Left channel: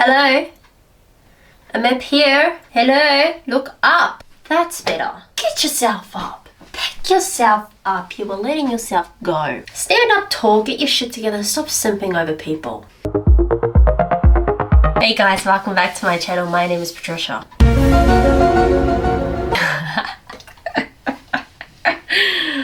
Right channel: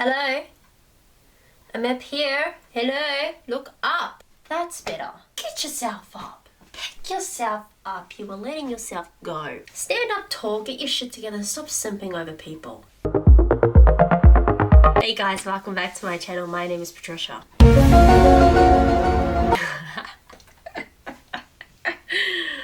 Hello? I'm up here. Hello? Look up. That's better. Get yourself up. Pick yourself up. You were letting yourself go. Stand up tall. Get your shit together. Stop simping over people. Hey guys, welcome back to my channel. My name is Patricia.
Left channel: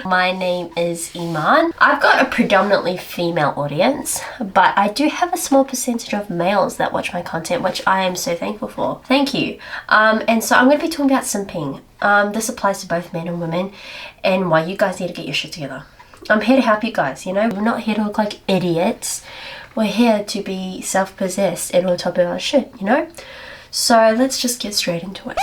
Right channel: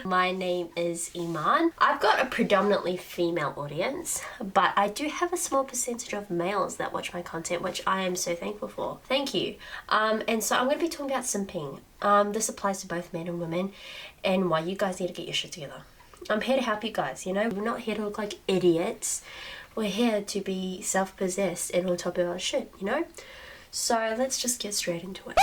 My name is Iman. I've got a predominantly female audience, but I do have a small percentage of males that watch my content, which I am so thankful for. Thank you. And so I'm going to be talking about simping. This applies to both men and women, and why you guys need to get your shit together. I'm here to help you guys, you know? We're not here to look like idiots. We're here to be self-possessed and on top of our shit, you know? So let's just get straight into it.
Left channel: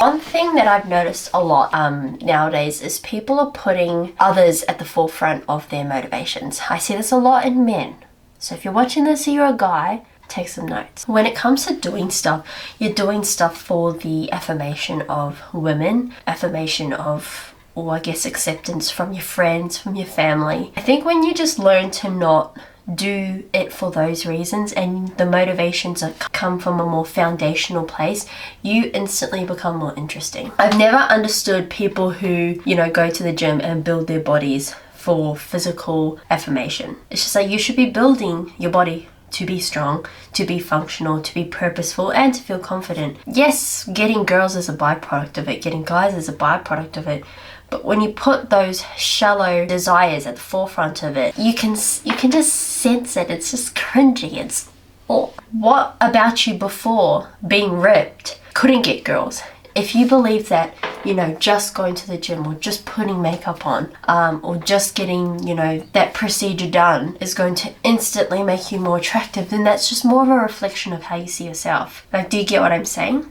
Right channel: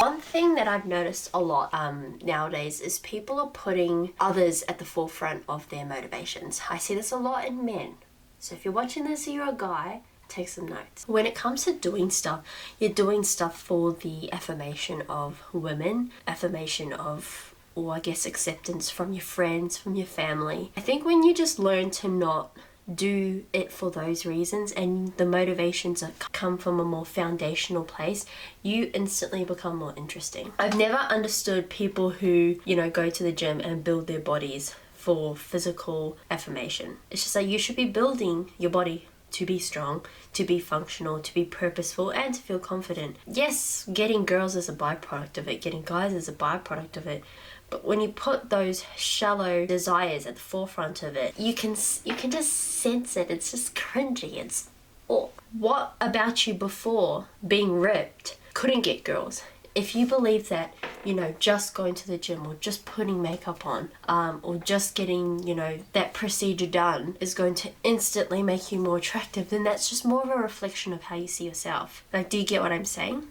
One thing that I've noticed a lot nowadays is people are putting others at the forefront of their motivations. I see this a lot in men. So if you're watching this and you're a guy, take some notes. When it comes to doing stuff, you're doing stuff for the affirmation of women, affirmation of, or I guess acceptance from your friends, from your family. I think when you just learn to not do it for those reasons and the motivations that come from a more foundational place, you instantly become more interesting. I've never understood people who, you know, go to the gym and build their bodies for physical affirmation. It's just like you should be building your body to be strong, to be functional, to be purposeful, and to feel confident. Yes, getting girls is a byproduct of it, getting guys is a byproduct of it. But when you put those shallow desires at the forefront of it, you can just sense it. It's just cringy. It's, oh, what about you before being ripped couldn't get girls? If you believe that, you know, just going to the gym or just putting makeup on or just getting, you know, that procedure done is going to instantly make you more attractive, then that's just more of a reflection of how you see yourself. Like, do you get what I'm saying?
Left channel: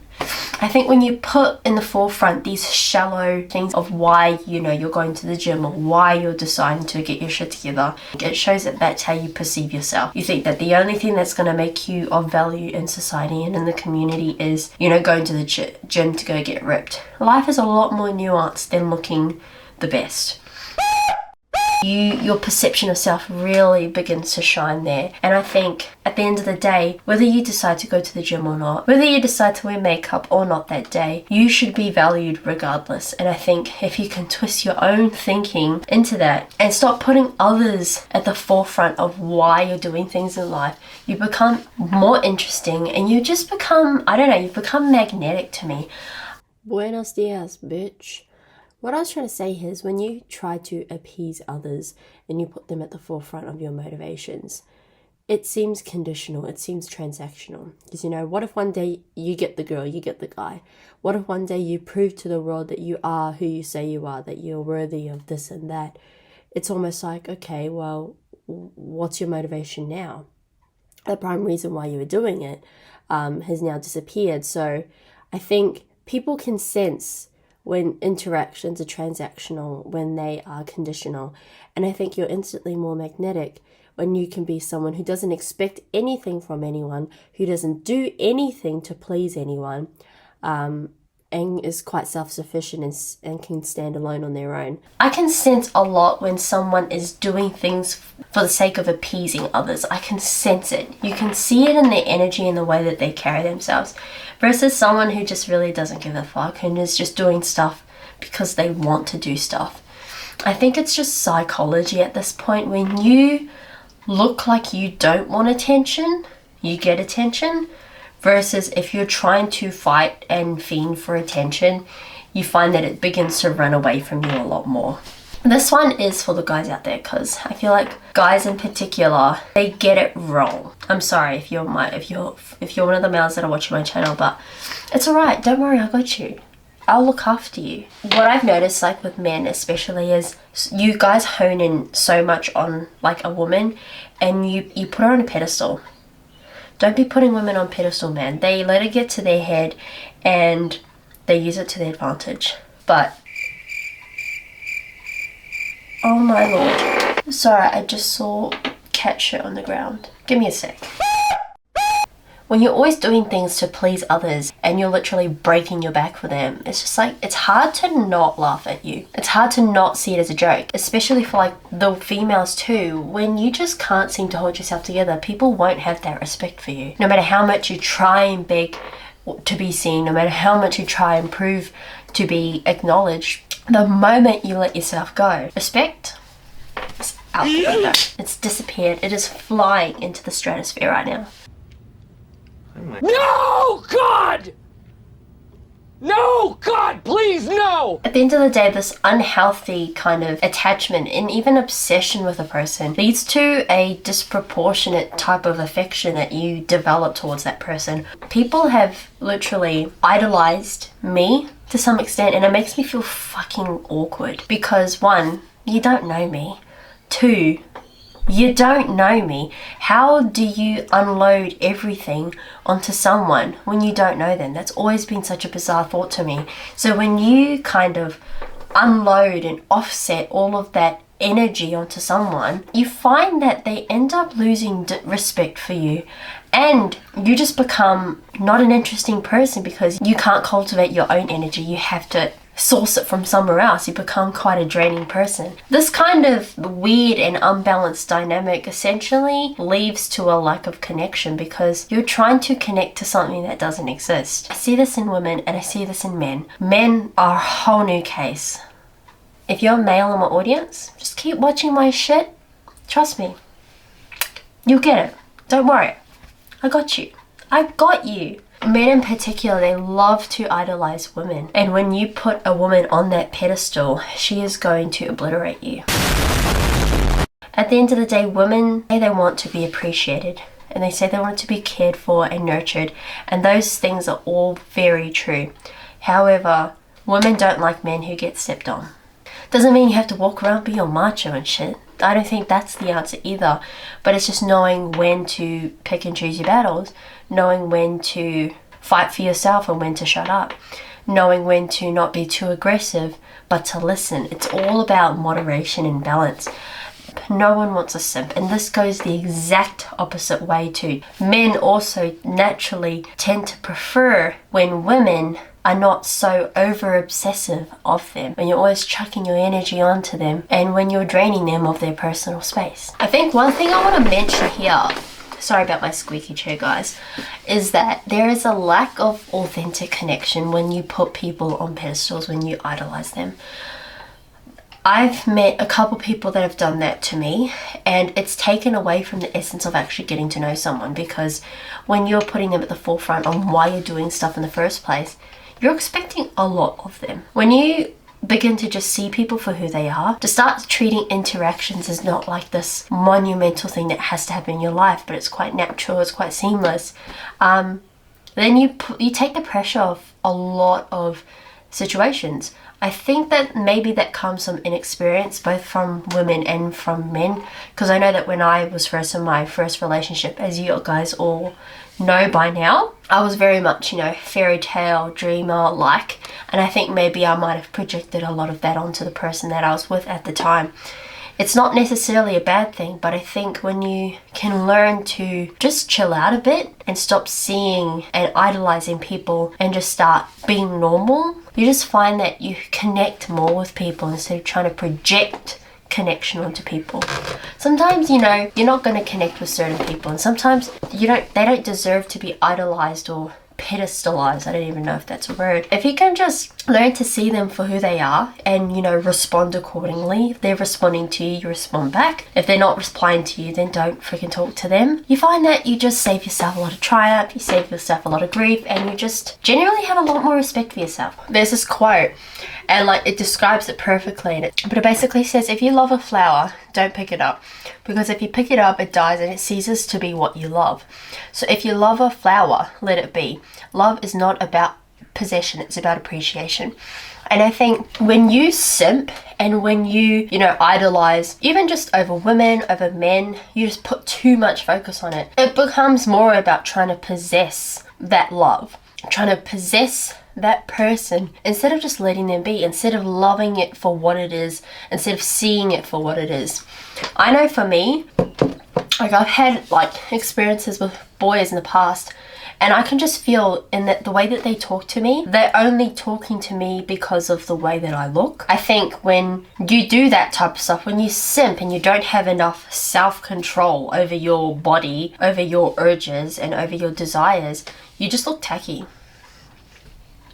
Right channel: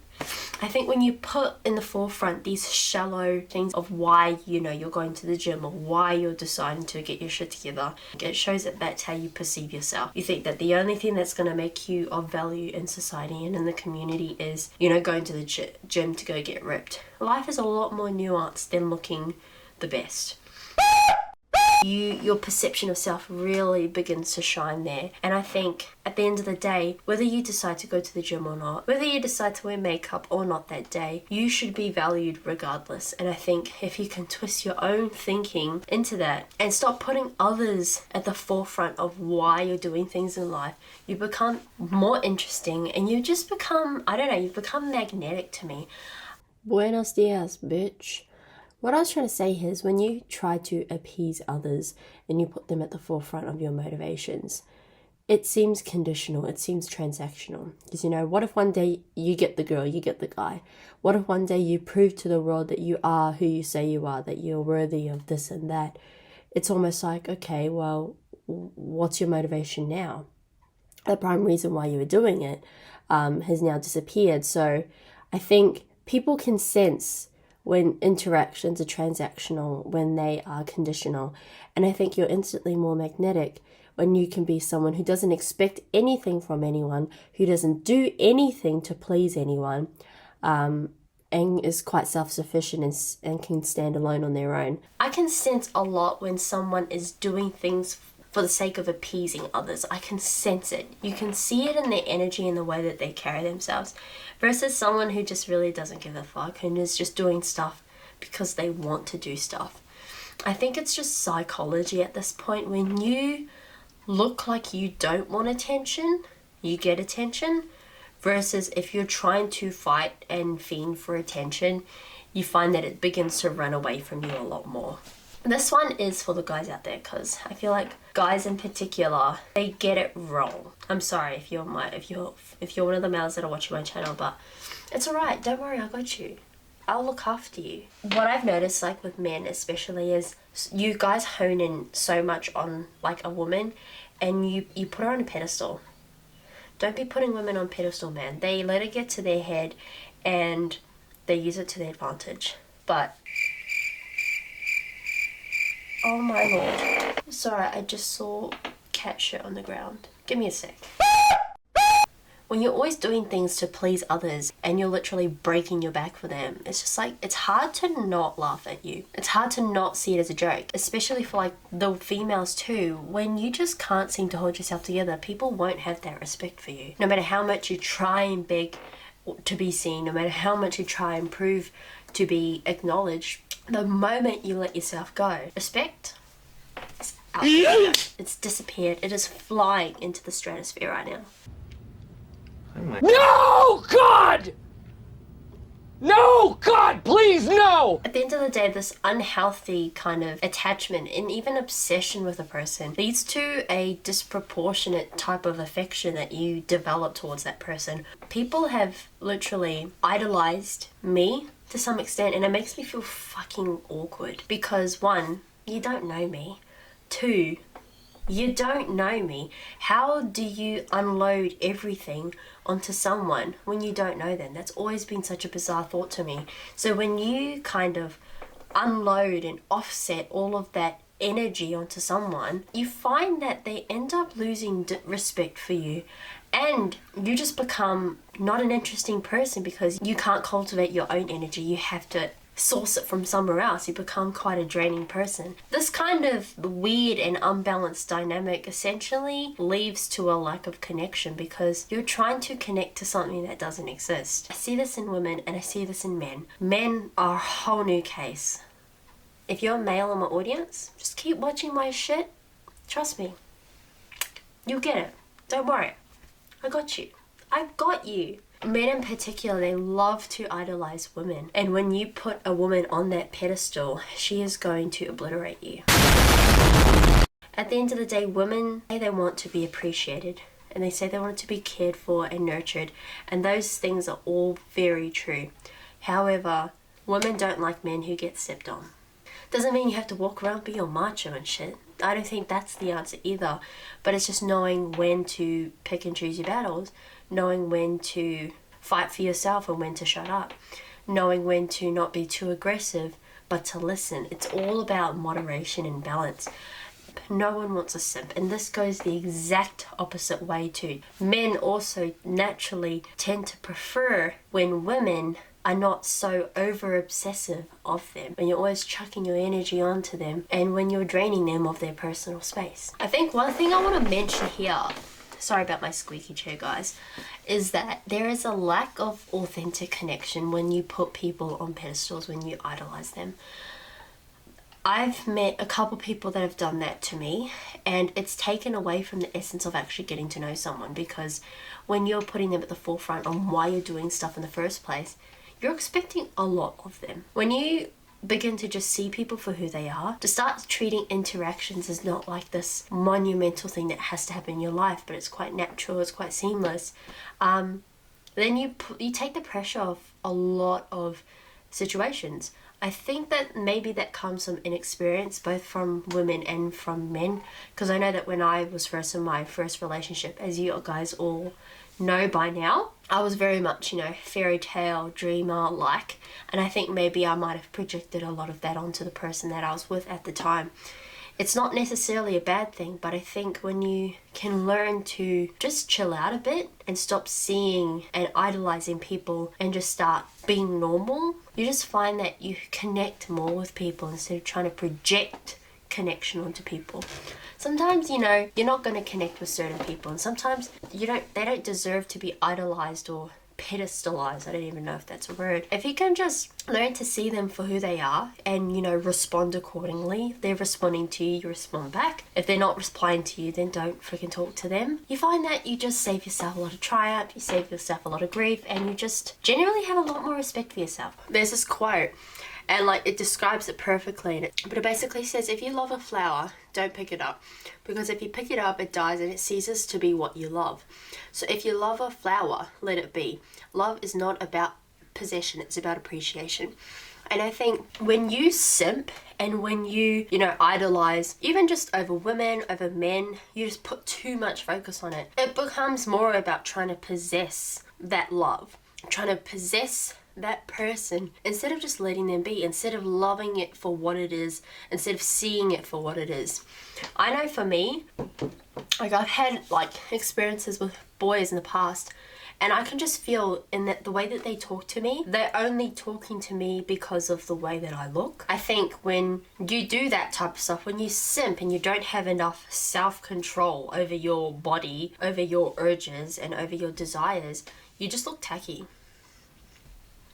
I think when you put in the forefront these shallow things of why, you know, you're going to the gym or why you're deciding to get your shit together, it shows that that's how you perceive yourself. You think that the only thing that's going to make you of value in society and in the community is, you know, going to the gym to go get ripped. Life is a lot more nuanced than looking the best. Your perception of self really begins to shine there. And I think at the end of the day, whether you decide to go to the gym or not, whether you decide to wear makeup or not that day, you should be valued regardless. And I think if you can twist your own thinking into that and stop putting others at the forefront of why you're doing things in life, you become more interesting and you just become, I don't know, you become magnetic to me. Buenos dias, bitch. What I was trying to say here is when you try to appease others and you put them at the forefront of your motivations, it seems conditional, it seems transactional. Because, you know, what if one day you get the girl, you get the guy? What if one day you prove to the world that you are who you say you are, that you're worthy of this and that? It's almost like, okay, well, what's your motivation now? The prime reason why you were doing it has now disappeared. So I think people can sense when interactions are transactional, when they are conditional. And I think you're instantly more magnetic when you can be someone who doesn't expect anything from anyone, who doesn't do anything to please anyone, and is quite self-sufficient and can stand alone on their own. I can sense a lot when someone is doing things for the sake of appeasing others. I can sense it. You can see it in their energy and the way that they carry themselves, versus someone who just really doesn't give a fuck and is just doing stuff because they want to do stuff. I think it's just psychology at this point. When you look like you don't want attention, you get attention. Versus if you're trying to fight and fiend for attention, you find that it begins to run away from you a lot more. This one is for the guys out there, because I feel like guys in particular, they get it wrong. I'm sorry if you're one of the males that are watching my channel, but it's alright, don't worry, I got you. I'll look after you. What I've noticed, like with men especially, is you guys hone in so much on like a woman and you put her on a pedestal. Don't be putting women on pedestal, man. They let it get to their head and they use it to their advantage. But, oh my lord. Sorry, I just saw cat shit on the ground. Give me a sec. when you're always doing things to please others and you're literally breaking your back for them, it's just like, it's hard to not laugh at you. It's hard to not see it as a joke, especially for like the females too. When you just can't seem to hold yourself together, people won't have that respect for you. No matter how much you try and beg to be seen, no matter how much you try and prove to be acknowledged, the moment you let yourself go, respect is out the window. It's disappeared. It is flying into the stratosphere right now. No, God! No, God, please, no! At the end of the day, this unhealthy kind of attachment and even obsession with a person leads to a disproportionate type of affection that you develop towards that person. People have literally idolized me to some extent, and it makes me feel fucking awkward because 1, you don't know me. 2, you don't know me. How do you unload everything onto someone when you don't know them? That's always been such a bizarre thought to me. So when you kind of unload and offset all of that energy onto someone, you find that they end up losing respect for you, and you just become not an interesting person because you can't cultivate your own energy. You have to source it from somewhere else. You become quite a draining person. This kind of weird and unbalanced dynamic essentially leads to a lack of connection because you're trying to connect to something that doesn't exist. I see this in women and I see this in men. Men are a whole new case. If you're a male in my audience, just keep watching my shit. Trust me. You'll get it. Don't worry. I got you. I got you. Men in particular, they love to idolize women. And when you put a woman on that pedestal, she is going to obliterate you. At the end of the day, women say they want to be appreciated. And they say they want to be cared for and nurtured. And those things are all very true. However, women don't like men who get stepped on. Doesn't mean you have to walk around being all macho and shit. I don't think that's the answer either. But it's just knowing when to pick and choose your battles. Knowing when to fight for yourself and when to shut up. Knowing when to not be too aggressive, but to listen. It's all about moderation and balance. No one wants a simp, and this goes the exact opposite way too. Men also naturally tend to prefer when women are not so over obsessive of them, when you're always chucking your energy onto them and when you're draining them of their personal space. I think one thing I want to mention here, sorry about my squeaky chair guys, is that there is a lack of authentic connection when you put people on pedestals, when you idolize them. I've met a couple people that have done that to me, and it's taken away from the essence of actually getting to know someone, because when you're putting them at the forefront on why you're doing stuff in the first place, you're expecting a lot of them. When you begin to just see people for who they are, to start treating interactions as not like this monumental thing that has to happen in your life, but it's quite natural, it's quite seamless, then you take the pressure off a lot of situations. I think that maybe that comes from inexperience, both from women and from men, because I know that when I was first in my first relationship, as you guys all know by now, I was very much, fairy tale dreamer like, and I think maybe I might have projected a lot of that onto the person that I was with at the time. It's not necessarily a bad thing, but I think when you can learn to just chill out a bit and stop seeing and idolizing people and just start being normal, you just find that you connect more with people instead of trying to project connection onto people. Sometimes, you're not going to connect with certain people, and sometimes they don't deserve to be idolized or pedestalized. I don't even know if that's a word. If you can just learn to see them for who they are and respond accordingly. If they're responding to you, you respond back. If they're not replying to you, then don't freaking talk to them. You find that you just save yourself a lot of triumph, you save yourself a lot of grief, and you just generally have a lot more respect for yourself. There's this quote, and it describes it perfectly, but it basically says, if you love a flower, don't pick it up, because if you pick it up, it dies and it ceases to be what you love. So if you love a flower, let it be. Love is not about possession, it's about appreciation. And I think when you simp and when you idolize, even just over women, over men, you just put too much focus on it. It becomes more about trying to possess that love, trying to possess that person, instead of just letting them be, instead of loving it for what it is, instead of seeing it for what it is. I know for me, like I've had like experiences with boys in the past, and I can just feel in that the way that they talk to me, they're only talking to me because of the way that I look. I think when you do that type of stuff, when you simp and you don't have enough self-control over your body, over your urges and over your desires, you just look tacky.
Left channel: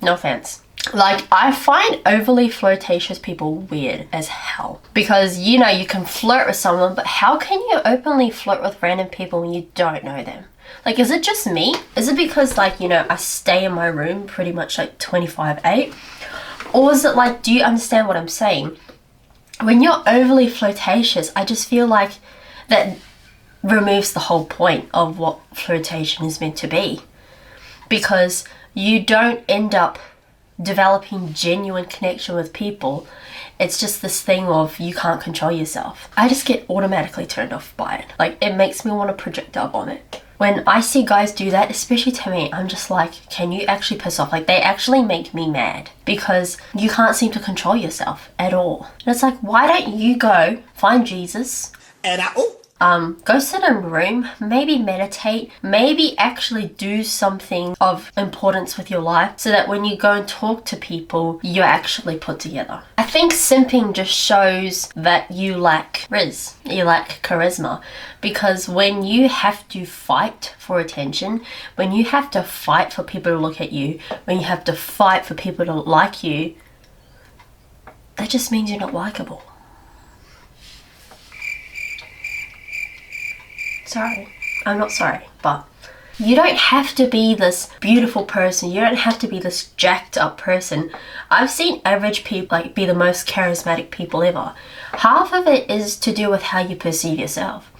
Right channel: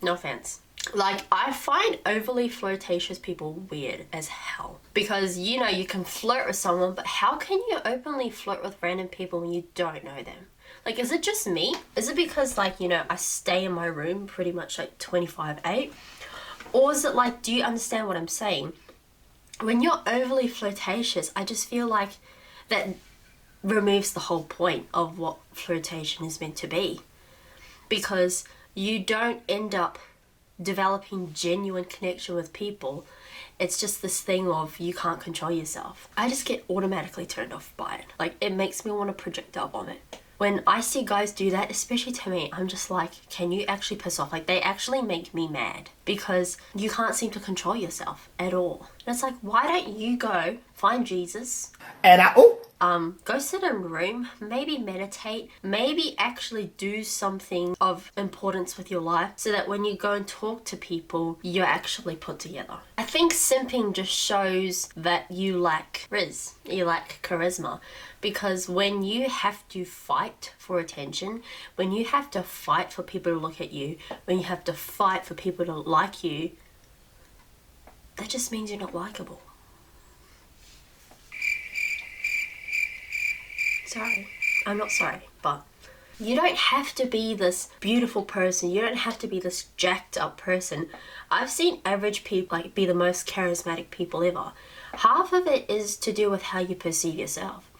No offense. Like, I find overly flirtatious people weird as hell. Because, you know, you can flirt with someone, but how can you openly flirt with random people when you don't know them? Like, is it just me? Is it because, like, you know, I stay in my room pretty much like 25/8? Or is it like, do you understand what I'm saying? When you're overly flirtatious, I just feel like that removes the whole point of what flirtation is meant to be. Because you don't end up developing genuine connection with people. It's just this thing of you can't control yourself. I just get automatically turned off by it. Like, it makes me want to projectile vomit. When I see guys do that, especially to me, I'm just like, can you actually piss off? Like, they actually make me mad because you can't seem to control yourself at all. And it's like, why don't you go find Jesus And go sit in a room, maybe meditate, maybe actually do something of importance with your life so that when you go and talk to people, you're actually put together. I think simping just shows that you lack rizz, you lack charisma, because when you have to fight for attention, when you have to fight for people to look at you, when you have to fight for people to like you, that just means you're not likable. Sorry, I'm not sorry, but you don't have to be this beautiful person. You don't have to be this jacked up person. I've seen average people like be the most charismatic people ever. Half of it is to do with how you perceive yourself.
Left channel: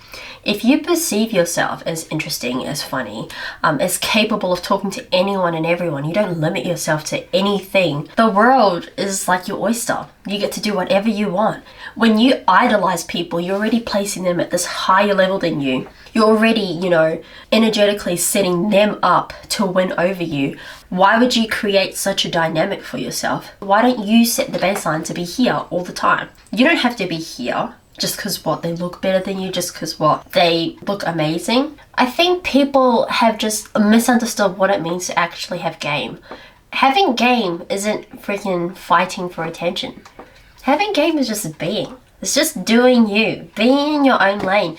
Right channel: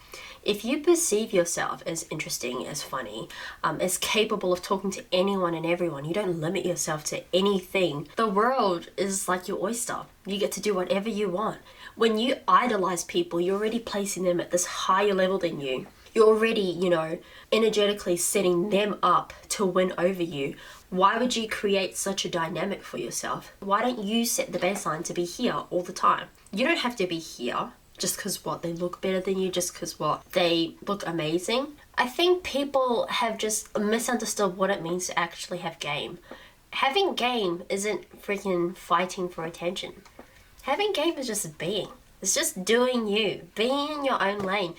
If you perceive yourself as interesting, as funny, as capable of talking to anyone and everyone, you don't limit yourself to anything. The world is like your oyster. You get to do whatever you want. When you idolize people, you're already placing them at this higher level than you. You're already, you know, energetically setting them up to win over you. Why would you create such a dynamic for yourself? Why don't you set the baseline to be here all the time? You don't have to be here just because what, they look better than you, just because what, they look amazing. I think people have just misunderstood what it means to actually have game. Having game isn't freaking fighting for attention. Having game is just being. It's just doing you, being in your own lane,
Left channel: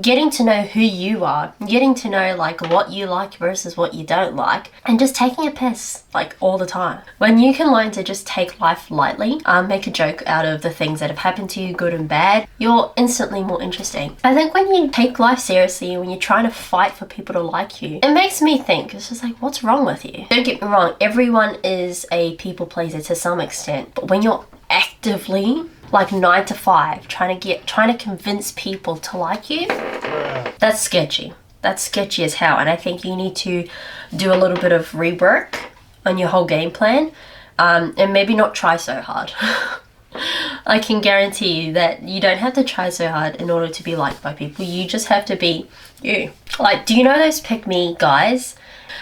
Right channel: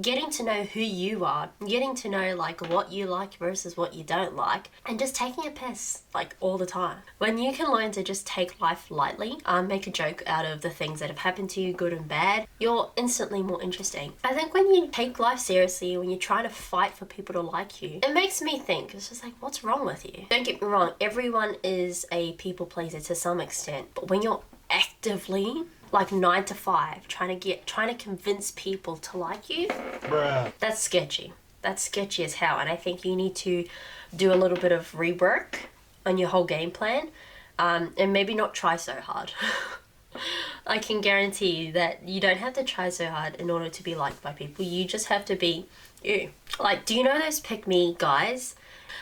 getting to know who you are, getting to know like what you like versus what you don't like, and just taking a piss like all the time. When you can learn to just take life lightly, make a joke out of the things that have happened to you, good and bad, you're instantly more interesting. I think when you take life seriously, when you're trying to fight for people to like you, it makes me think, it's just like, what's wrong with you? Don't get me wrong, everyone is a people pleaser to some extent, but when you're actively like 9 to 5 trying to convince people to like you, that's sketchy. That's sketchy as hell. And I think you need to do a little bit of rework on your whole game plan, and maybe not try so hard. I can guarantee you that you don't have to try so hard in order to be liked by people. You just have to be you. Like, do you know those pick me guys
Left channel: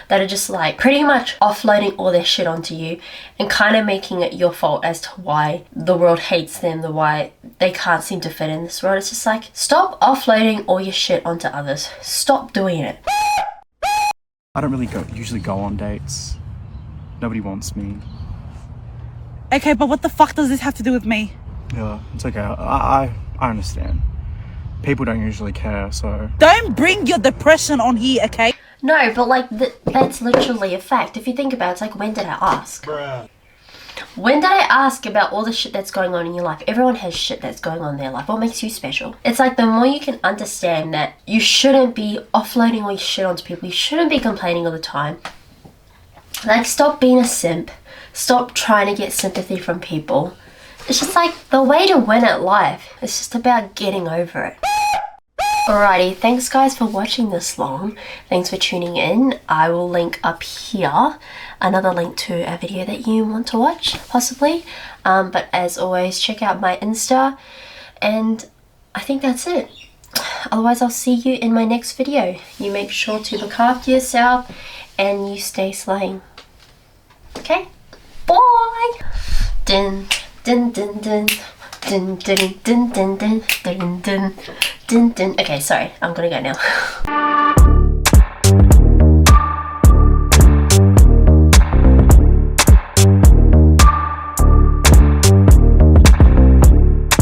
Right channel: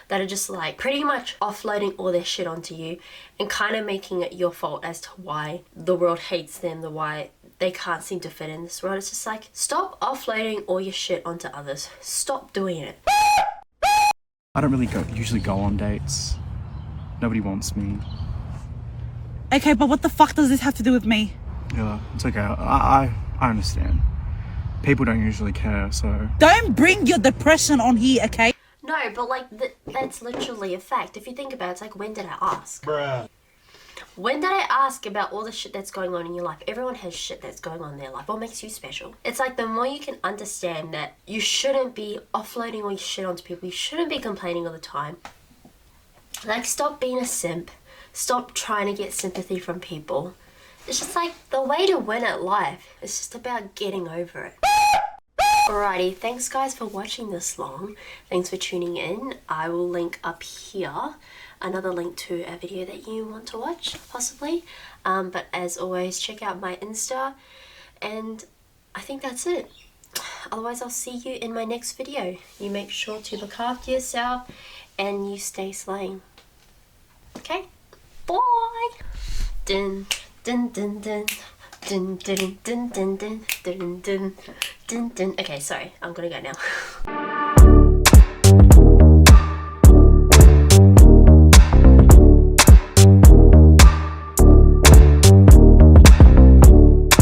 that are just like pretty much offloading all their shit onto you and kind of making it your fault as to why the world hates them, why they can't seem to fit in this world? It's just like, stop offloading all your shit onto others. Stop doing it. I don't really usually go on dates. Nobody wants me. Okay, but what the fuck does this have to do with me? Yeah, it's okay. I understand. People don't usually care, so... Don't bring your depression on here, okay? No, but like, that's literally a fact. If you think about it, it's like, when did I ask? When did I ask about all the shit that's going on in your life? Everyone has shit that's going on in their life. What makes you special? It's like, the more you can understand that you shouldn't be offloading all your shit onto people. You shouldn't be complaining all the time. Like, stop being a simp. Stop trying to get sympathy from people. It's just like, the way to win at life is just about getting over it. Alrighty, thanks guys for watching this long. Thanks for tuning in. I will link up here another link to a video that you want to watch, possibly. But as always, check out my Insta, and I think that's it. Otherwise, I'll see you in my next video. You make sure to look after yourself and you stay slaying. Okay. Okay, bye. Dun dun dun dun. Dun, dun, dun, dun, dun, dun, dun, dun, dun. Okay, sorry, I'm gonna go now.